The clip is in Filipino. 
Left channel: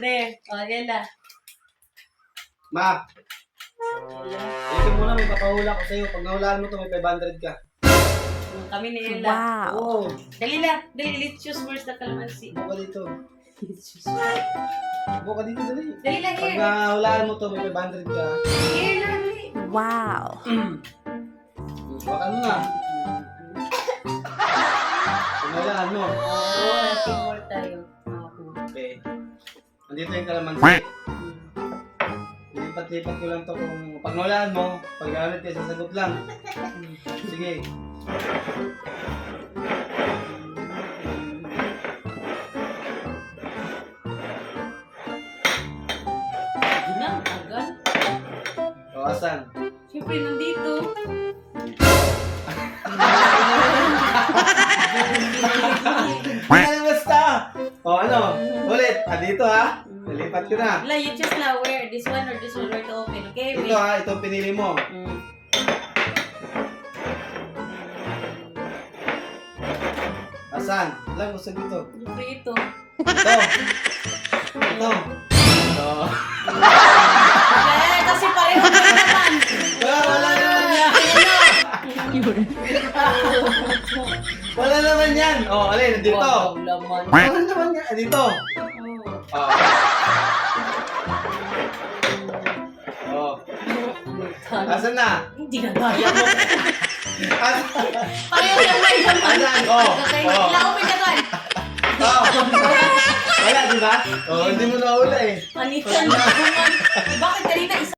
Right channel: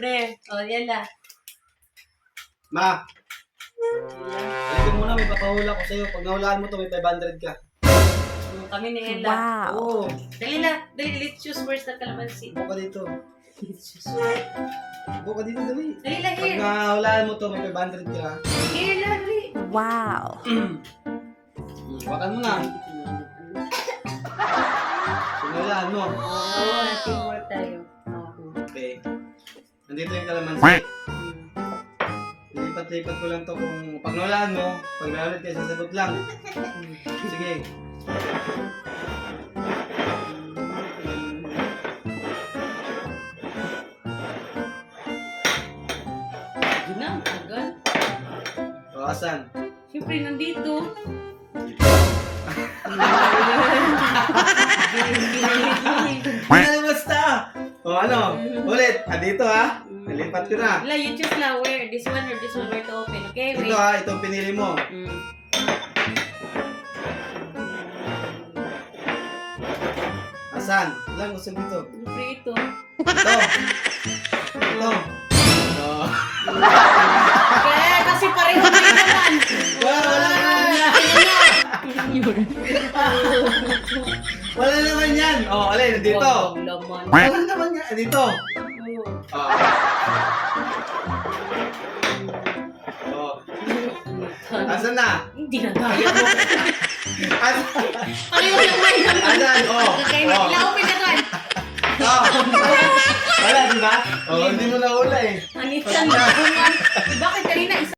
Pre, Ella. Ma, Ella. ilagay mo na, may papahula ko sa'yo. Pag nahulaan mo to, may 500 ka. Kami ni Ella. Wow. Oo, Dali na. Dali, let's choose first the calamansi. buka dito. Let's choose. Buka dito, dali. Dali lang, Pag here. nahulaan mo to, may 500 ka. Here lang, dali. Wow. Bukan mo na. Pag nahulaan mo. Oh, teamwork tayo. Okay. Nandito yung kalamansi. Lipat-lipat ko lang to kung pag nahulaan mo, pag nahulit kayo, sasagot lang. Sige. Yun na, tagal. O, asan? Siyempre, nandito. Ano basta? O ano? Ulit. Dito ha. Nalipat ko na. Wala, you choose now where. This one or this one where to open. Okay, Ito wait. ha. Itong pinili mo. Asan? Lang, usap dito. Siyempre ito. Ito. Ito. Ito. Kaya kasi pareho kayo naman. Wala Wala naman yan. O, alin. Dito. Wow, laman. Wala naman yan. Dito. Oh. Oh. Asan na? Hindi na gaya mo. Asan? Ayun na lang. Asan? Oh. Okay, Oh. ilang open na doon. Oh. Wala, di ba? Oh, hindi mo na ula eh. Manitan na. Bakit kanina isa?